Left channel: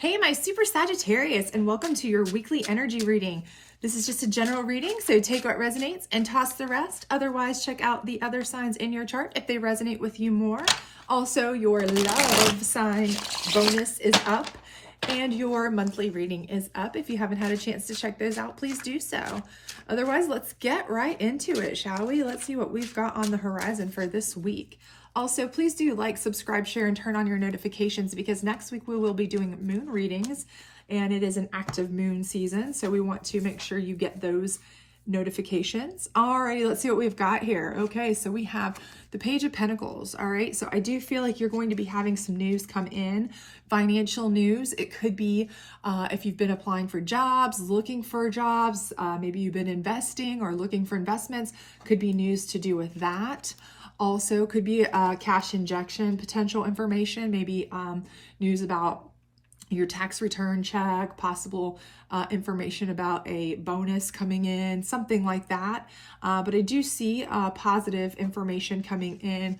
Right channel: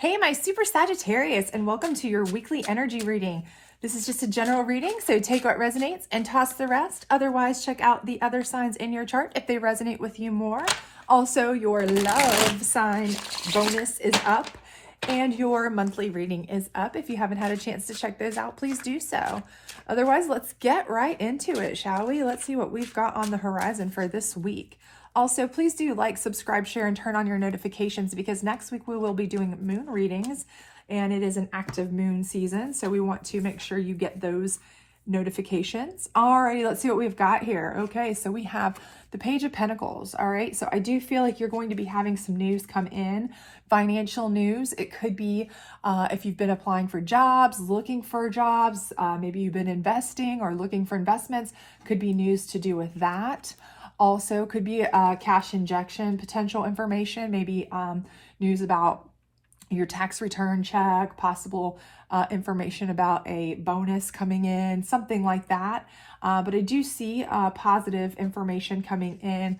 Hey, my super Sagittarius, and welcome to your weekly energy reading. This is just a general reading, so take what resonates and toss the rest. Otherwise, check out the other signs in your chart if they resonate with you more. Also, your love sign bonus is up, and your monthly reading is up. If you haven't had a chance to check those out, please do so. Otherwise, let's get right into it, shall we? Let's see what we've got on the horizon for this week. Also, please do like, subscribe, share, and turn on your notifications because next week we will be doing moon readings and it is an active moon season. So we want to make sure you get those notifications. Alrighty, let's see what we've got here. Okay, so we have the Page of Pentacles. All right, so I do feel like you're going to be having some news come in, financial news. It could be if you've been applying for jobs, looking for jobs, maybe you've been investing or looking for investments, could be news to do with that. Also could be cash injection potential information, maybe news about your tax return check, possible information about a bonus coming in, something like that. But I do see positive information coming in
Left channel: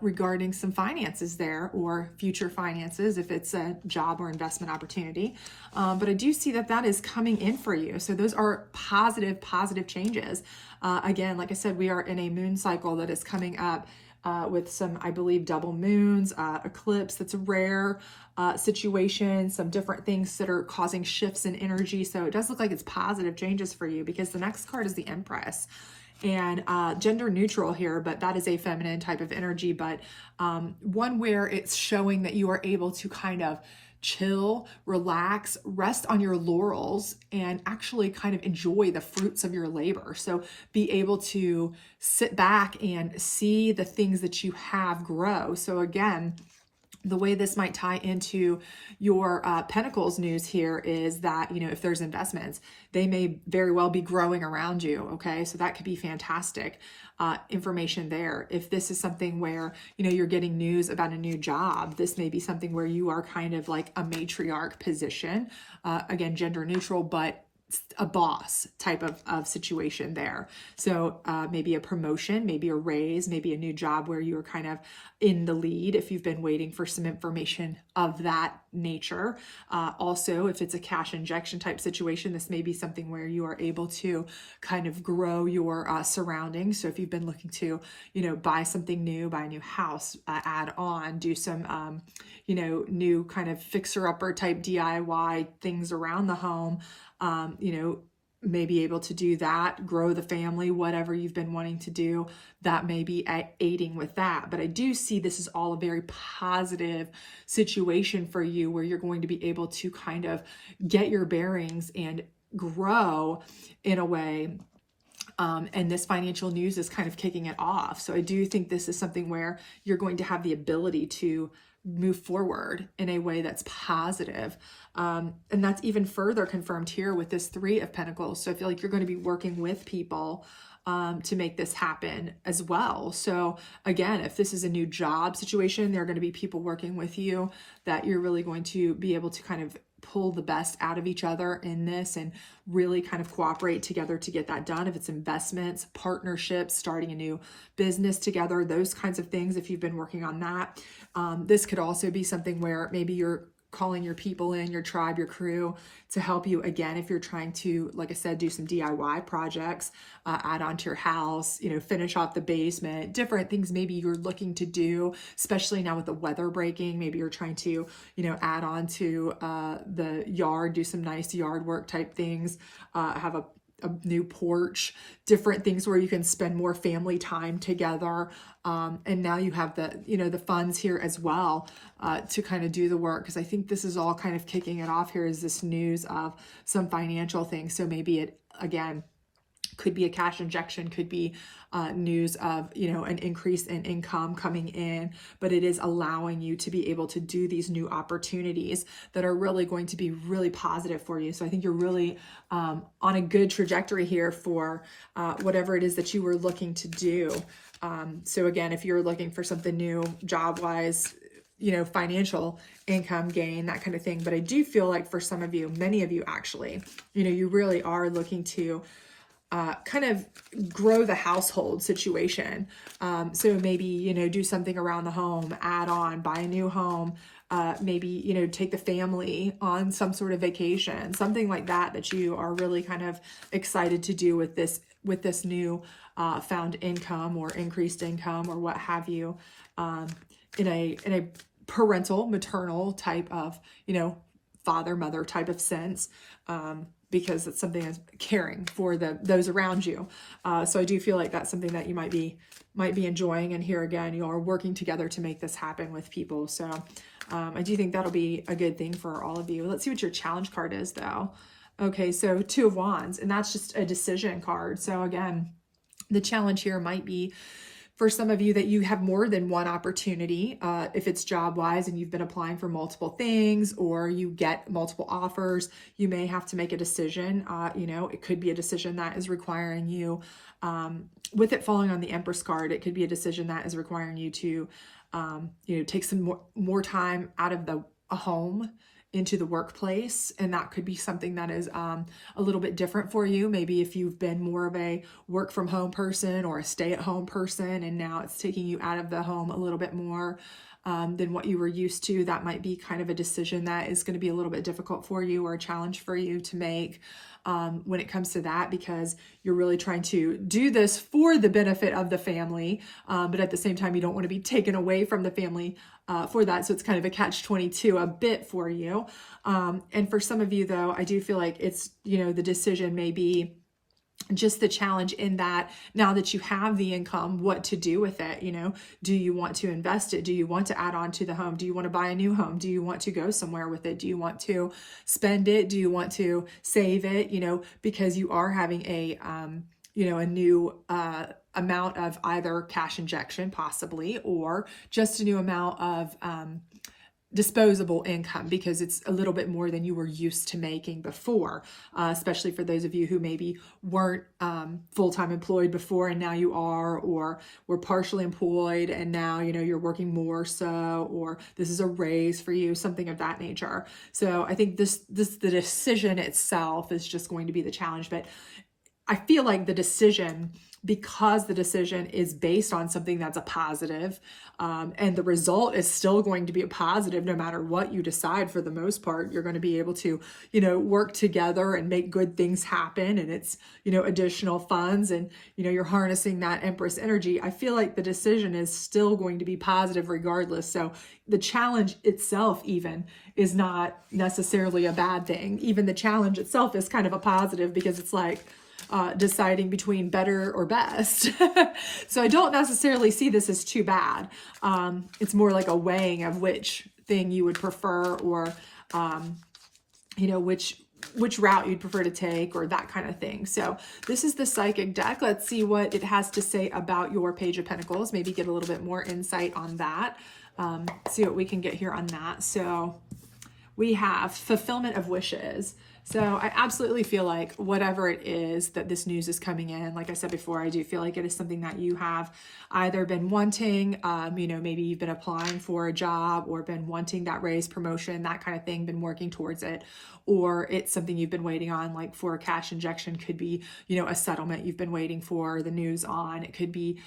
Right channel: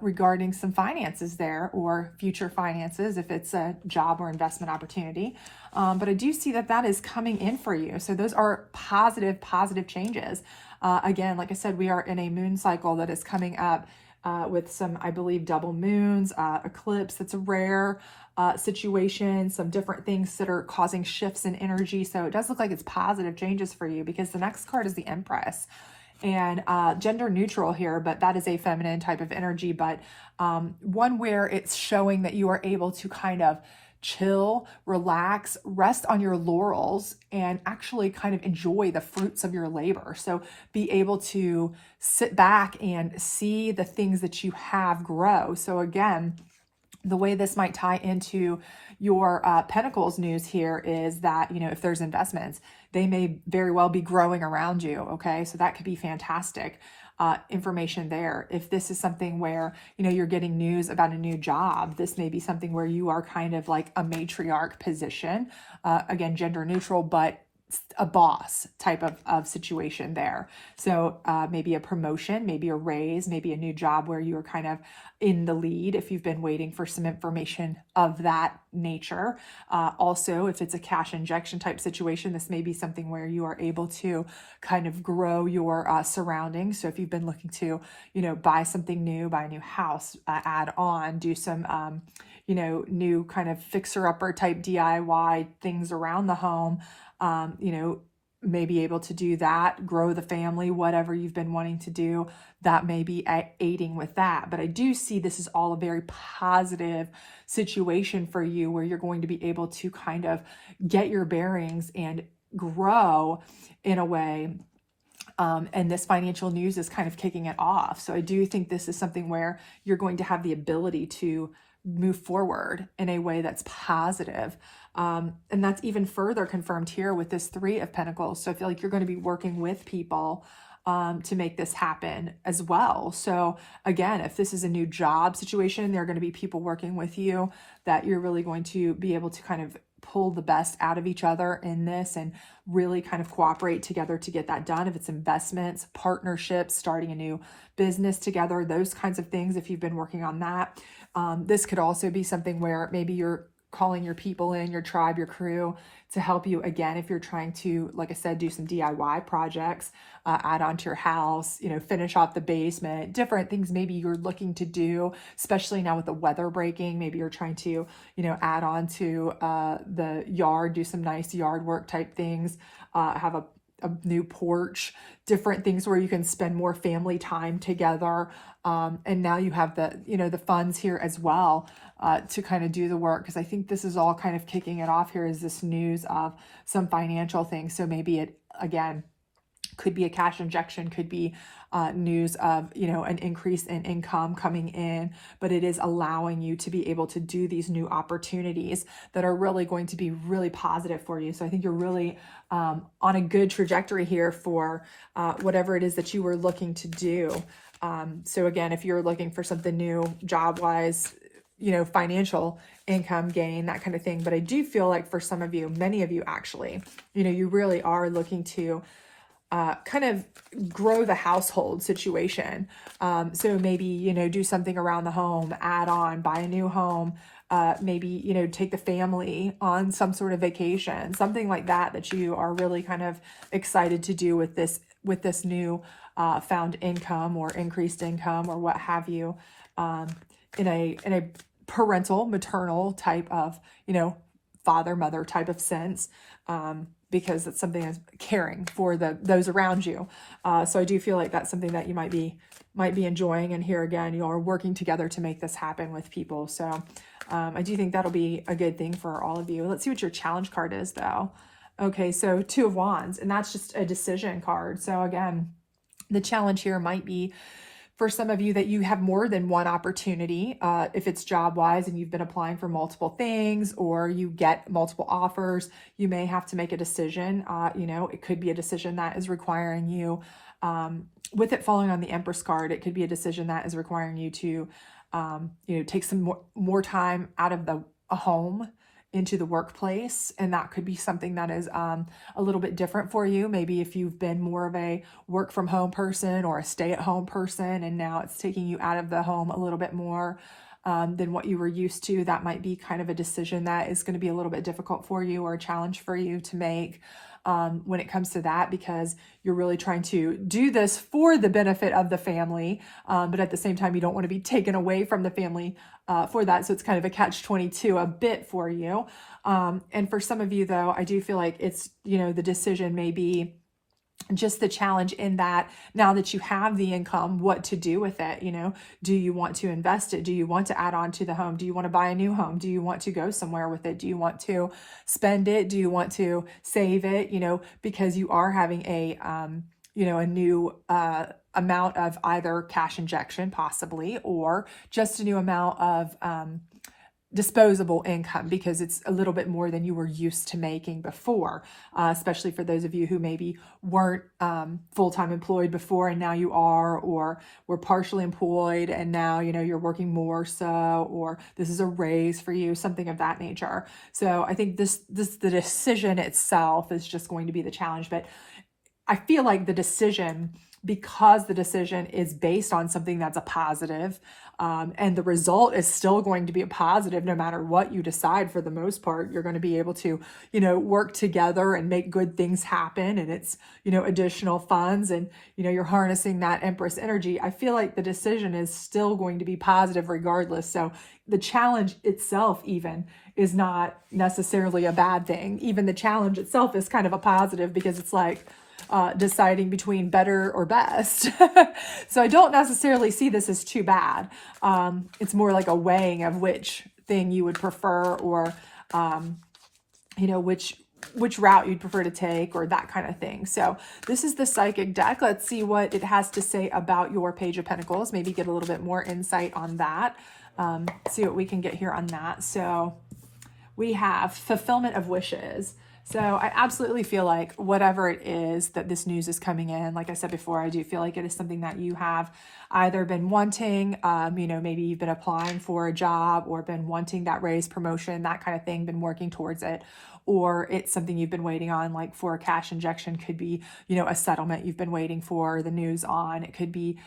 regarding some finances there, or future finances if it's a job or investment opportunity. But I do see that that is coming in for you. So those are positive changes. Again, like I said, we are in a moon cycle that is coming up with some, I believe, double moons, eclipse. That's a rare situation, some different things that are causing shifts in energy. So it does look like it's positive changes for you because the next card is the Empress. And gender neutral here, but that is a feminine type of energy, but one where it's showing that you are able to kind of chill, relax, rest on your laurels, and actually kind of enjoy the fruits of your labor. So be able to sit back and see the things that you have grow. So again, the way this might tie into your Pentacles news here is that, you know, if there's investments, they may very well be growing around you. Okay, so that could be fantastic information there. If this is something where, you know, you're getting news about a new job, this may be something where you are kind of like a matriarch position. Again, gender neutral, but a boss type of situation there. So maybe a promotion, maybe a raise, maybe a new job where you're kind of in the lead if you've been waiting for some information of that nature. Also, if it's a cash injection type situation, this may be something where you are able to kind of grow your surroundings. So if you've been looking to, you know, buy something new, buy a new house, add on, do some, you know, new kind of fixer-upper type DIY things around the home, you know, may be able to do that, grow the family, whatever you've been wanting to do, that may be aiding with that. But I do see this is all a very positive situation for you where you're going to be able to kind of get your bearings and grow in a way. And this financial news is kind of kicking it off. So I do think this is something where you're going to have the ability to move forward in a way that's positive. And that's even further confirmed here with this Three of Pentacles. So I feel like you're going to be working with people to make this happen as well. So again, if this is a new job situation, there are going to be people working with you that you're really going to be able to kind of pull the best out of each other in this and really kind of cooperate together to get that done. If it's investments, partnerships, starting a new business together, those kinds of things, if you've been working on that. This could also be something where maybe you're calling your people in, your tribe, your crew to help you again if you're trying to, like I said, do some DIY projects, add on to your house, you know, finish off the basement, different things maybe you're looking to do, especially now with the weather breaking. Maybe you're trying to, you know, add on to the yard, do some nice yard work type things, have a new porch, different things where you can spend more family time together. And now you have the, you know, the funds here as well to kind of do the work. Because I think this is all kind of kicking it off here is this news of some financial things. So maybe it, again, could be a cash injection, could be news of, you know, an increase in income coming in, but it is allowing you to be able to do these new opportunities that are really going to be really positive for you. So I think you're really on a good trajectory here for whatever it is that you were looking to do. So again, if you're looking for something new, job-wise, you know, financial income gain, that kind of thing. But I do feel like for some of you, many of you actually, you know, you really are looking to kind of grow the household situation. So maybe, you know, do something around the home, add on, buy a new home, maybe, you know, take the family on some sort of vacation, something like that, that you are really kind of excited to do with this new found income or increased income or what have you, in a parental, maternal type of, you know, father, mother type of sense, because it's something that's caring for those around you. So I do feel like that's something that you might be enjoying. And here again, you are working together to make this happen with people. So I do think that'll be a good thing for all of you. Let's see what your challenge card is though. Okay, so Two of Wands, and that's just a decision card. So again, the challenge here might be for some of you that you have more than one opportunity, if it's job-wise and you've been applying for multiple things or you get multiple offers, you may have to make a decision. You know, it could be a decision that is requiring you, with it falling on the Empress card, it could be a decision that is requiring you to, you know, take some more time out of a home into the workplace. And that could be something that is a little bit different for you. Maybe if you've been more of a work from home person or a stay at home person, and now it's taking you out of the home a little bit more than what you were used to, that might be kind of a decision that is going to be a little bit difficult for you or a challenge for you to make when it comes to that, because you're really trying to do this for the benefit of the family. But at the same time, you don't want to be taken away from the family for that. So it's kind of a catch-22 a bit for you. And for some of you though, I do feel like it's, you know, the decision may be just the challenge in that now that you have the income, what to do with it. You know, do you want to invest it? Do you want to add on to the home? Do you want to buy a new home? Do you want to go somewhere with it? Do you want to spend it? Do you want to save it? You know, because you are having a, you know, a new, amount of either cash injection possibly, or just a new amount of, disposable income, because it's a little bit more than you were used to making before, especially for those of you who maybe weren't full-time employed before and now you are, or were partially employed and now, you know, you're working more so, or this is a raise for you, something of that nature. So I think the decision itself is just going to be the challenge. But I feel like the decision, because the decision is based on something that's a positive, and the result is still going to be a positive no matter what you decide. For the most part, you're going to be able to, you know, work together and make good things happen. And it's, you know, additional funds, and, you know, you're harnessing that Empress energy. I feel like the decision is still going to be positive regardless. So the challenge itself even is not necessarily a bad thing. Even the challenge itself is kind of a positive, because it's like, deciding between better or best. So I don't necessarily see this as too bad. It's more like a weighing of which thing you would prefer, or, you know, which route you'd prefer to take, or that kind of thing. So this is the Psychic deck. Let's see what it has to say about your Page of Pentacles. Maybe get a little bit more insight on that. See what we can get here on that. So we have fulfillment of wishes. So I absolutely feel like whatever it is that this news is coming in, like I said before, I do feel like it is something that you have either been wanting, you know, maybe you've been applying for a job or been wanting that raise, promotion, that kind of thing, been working towards it, or it's something you've been waiting on, like for a cash injection, could be, you know, a settlement you've been waiting for the news on. It could be,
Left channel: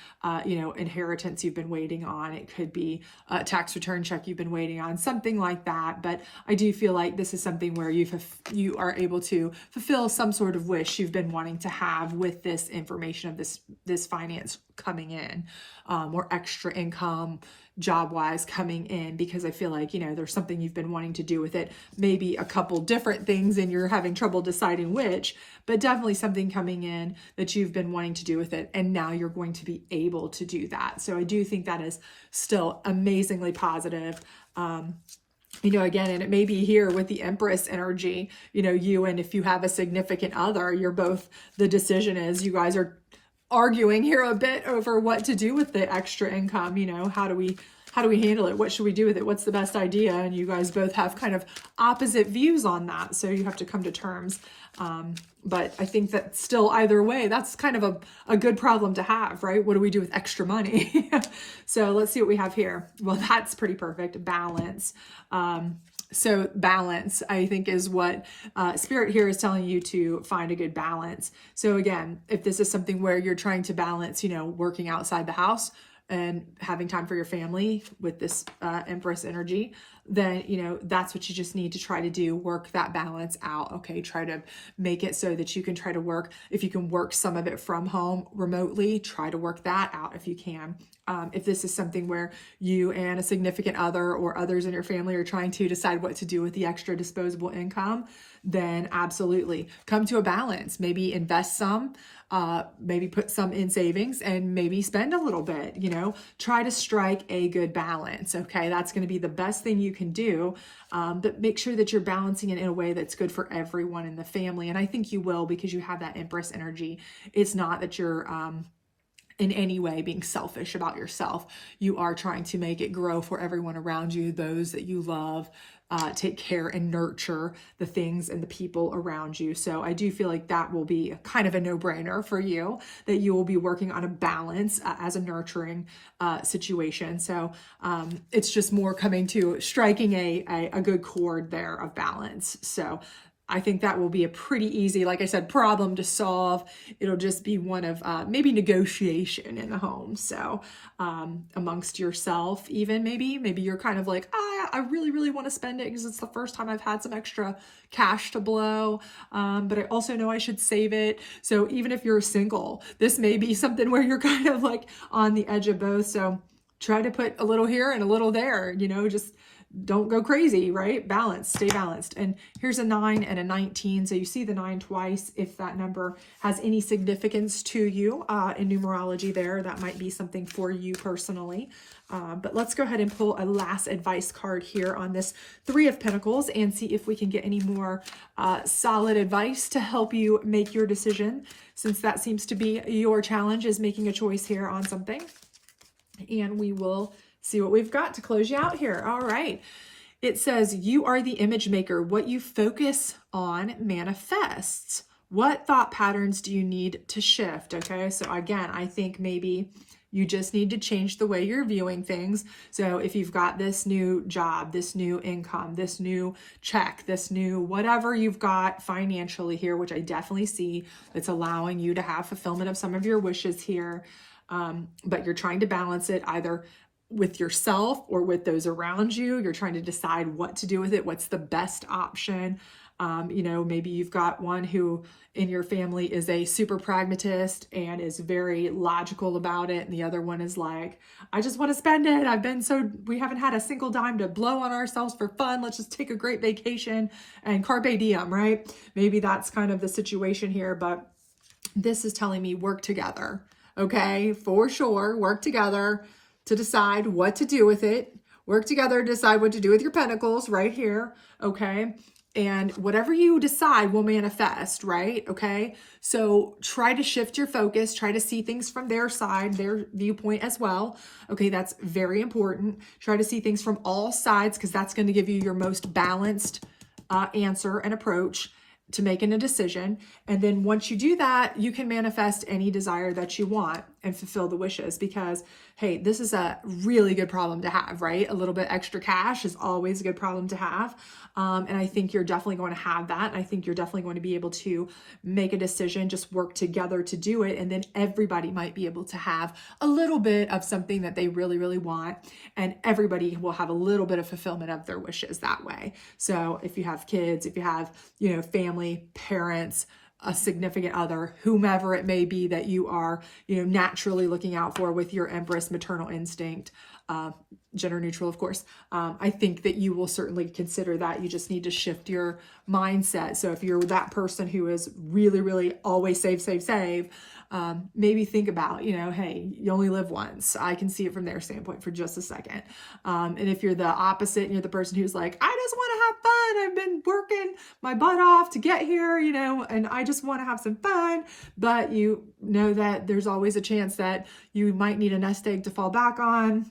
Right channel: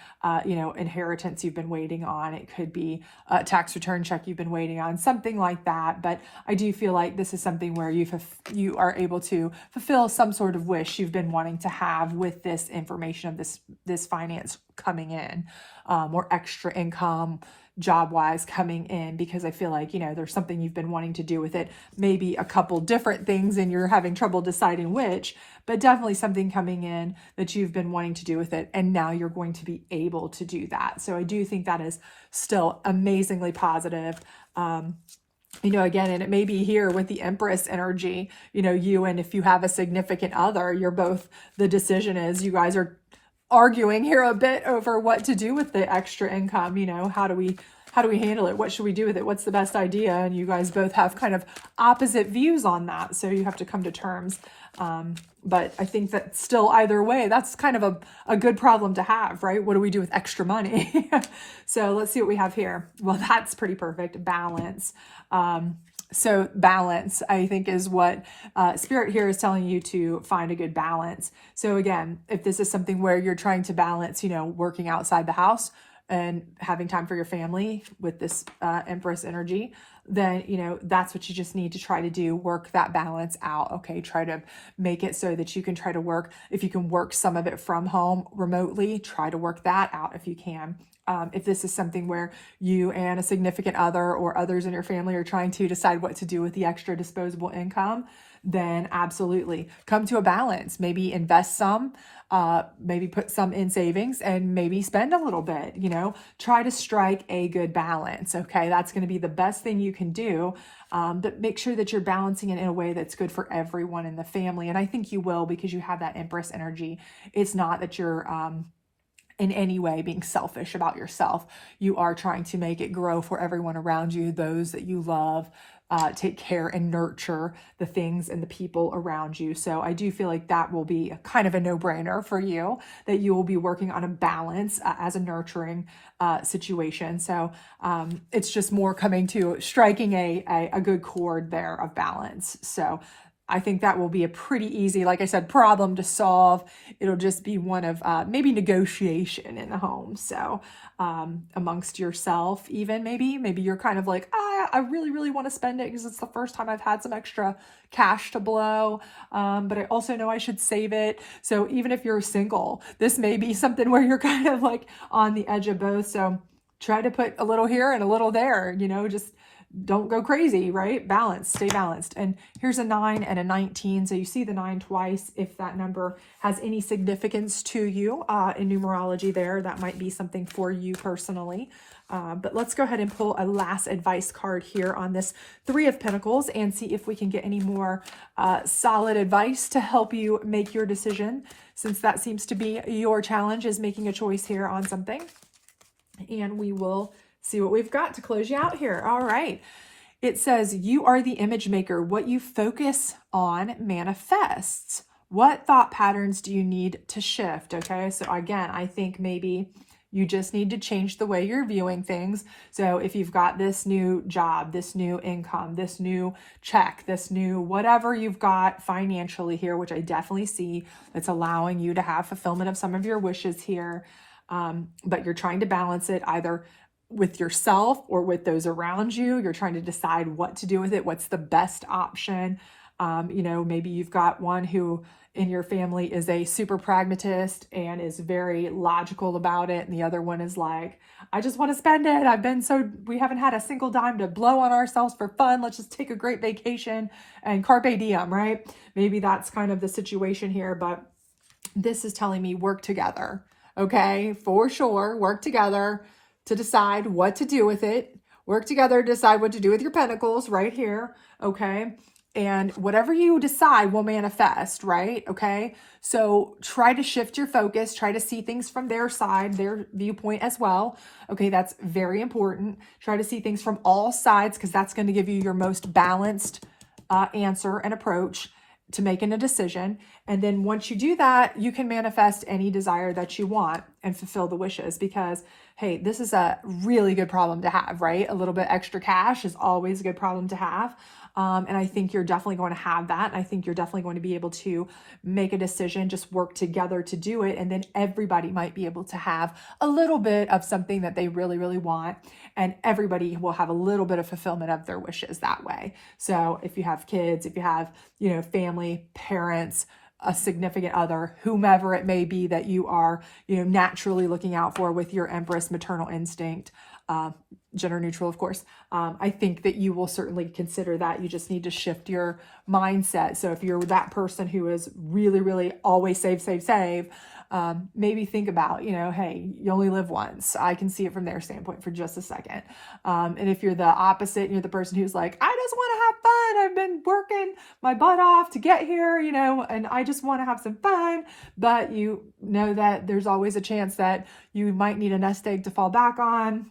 you know, inheritance you've been waiting on. It could be a tax return check you've been waiting on, something like that. But I do feel like this is something where you are able to fulfill some sort of wish you've been wanting to have with this information of this finance coming in, or extra income job-wise coming in, because I feel like, you know, there's something you've been wanting to do with it, maybe a couple different things and you're having trouble deciding which, but definitely something coming in that you've been wanting to do with it, and now you're going to be able to do that. So I do think that is still amazingly positive. You know, again, and it may be here with the Empress energy, you know, you, and if you have a significant other, you're both, the decision is you guys are arguing here a bit over what to do with the extra income. You know, how do we handle it? What should we do with it? What's the best idea? And you guys both have kind of opposite views on that. So you have to come to terms. But I think that still, either way, that's kind of a good problem to have, right? What do we do with extra money? So let's see what we have here. Well, that's pretty perfect. Balance. So balance, I think, is what Spirit here is telling you, to find a good balance. So again, if this is something where you're trying to balance, you know, working outside the house and having time for your family with this Empress energy, then, you know, that's what you just need to try to do. Work that balance out. Okay. Try to make it so that you can try to work. If you can work some of it from home remotely, try to work that out if you can. If this is something where you and a significant other or others in your family are trying to decide what to do with the extra disposable income, then absolutely come to a balance. Maybe invest some, maybe put some in savings, and maybe spend a little bit, you know, try to strike a good balance. Okay. That's going to be the best thing you can do. But make sure that you're balancing it in a way that's good for everyone in the family. And I think you will, because you have that Empress energy. It's not that you're, in any way being selfish about yourself. You are trying to make it grow for everyone around you, those that you love, take care and nurture the things and the people around you. So I do feel like that will be kind of a no-brainer for you, that you will be working on a balance as a nurturing situation. So it's just more coming to striking a good chord there of balance. So I think that will be a pretty easy, like I said, problem to solve. It'll just be one of maybe negotiation in the home. So amongst yourself, even maybe you're kind of like, I really, really want to spend it because it's the first time I've had some extra cash to blow. But I also know I should save it. So even if you're single, this may be something where you're kind of like on the edge of both. So try to put a little here and a little there, you know, just don't go crazy, right? Balance, stay balanced. And here's a 9 and a 19. So you see the 9 twice. If that number has any significance to you in numerology there, that might be something for you personally. But let's go ahead and pull a last advice card here on this 3 of Pentacles and see if we can get any more solid advice to help you make your decision, since that seems to be your challenge, is making a choice here on something. And we will see what we've got to close you out here. All right. It says, you are the image maker. What you focus on manifests. What thought patterns do you need to shift? Okay. So again, I think maybe you just need to change the way you're viewing things. So if you've got this new job, this new income, this new check, this new whatever you've got financially here, which I definitely see, that's allowing you to have fulfillment of some of your wishes here. But you're trying to balance it either with yourself or with those around you. You're trying to decide what to do with it. What's the best option? You know, maybe you've got one who in your family is a super pragmatist and is very logical about it. And the other one is like, I just want to spend it. We haven't had a single dime to blow on ourselves for fun. Let's just take a great vacation and carpe diem, right? Maybe that's kind of the situation here, but this is telling me work together. Okay, for sure. Work together to decide what to do with it. Work together to decide what to do with your pentacles right here. Okay. And whatever you decide will manifest, right? Okay. So try to shift your focus, try to see things from their side, their viewpoint as well. Okay. That's very important. Try to see things from all sides, because that's going to give you your most balanced answer and approach to making a decision. And then once you do that, you can manifest any desire that you want and fulfill the wishes, because hey, this is a really good problem to have, right? A little bit extra cash is always a good problem to have. And I think you're definitely going to have that. And I think you're definitely going to be able to make a decision, just work together to do it. And then everybody might be able to have a little bit of something that they really, really want. And everybody will have a little bit of fulfillment of their wishes that way. So if you have kids, if you have, you know, family, parents, a significant other, whomever it may be that you are, you know, naturally looking out for with your Empress maternal instinct, gender neutral, of course. I think that you will certainly consider that. You just need to shift your mindset. So if you're that person who is really, really always save, maybe think about, you know, hey, you only live once. I can see it from their standpoint for just a second. And if you're the opposite, and you're the person who's like, I just want to have fun. I've been working my butt off to get here, you know, and I just want to have some fun. But you know that there's always a chance that you might need a nest egg to fall back on,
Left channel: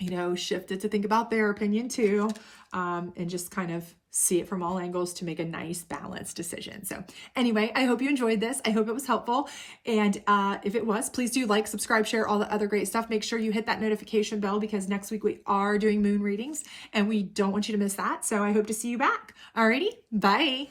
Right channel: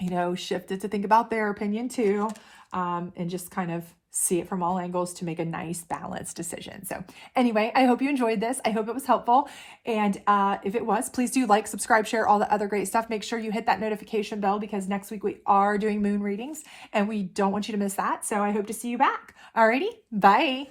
you know, shift it to think about their opinion too, and just kind of see it from all angles to make a nice balanced decision. So anyway, I hope you enjoyed this. I hope it was helpful. And if it was, please do like, subscribe, share all the other great stuff. Make sure you hit that notification bell, because next week we are doing moon readings and we don't want you to miss that. So I hope to see you back. Alrighty, bye.